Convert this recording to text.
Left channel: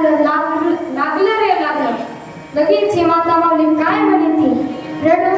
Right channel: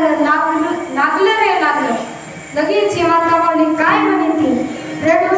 लागलं रे लागलं. लगेच ही माता माऊली काय म्हणे ती, रडू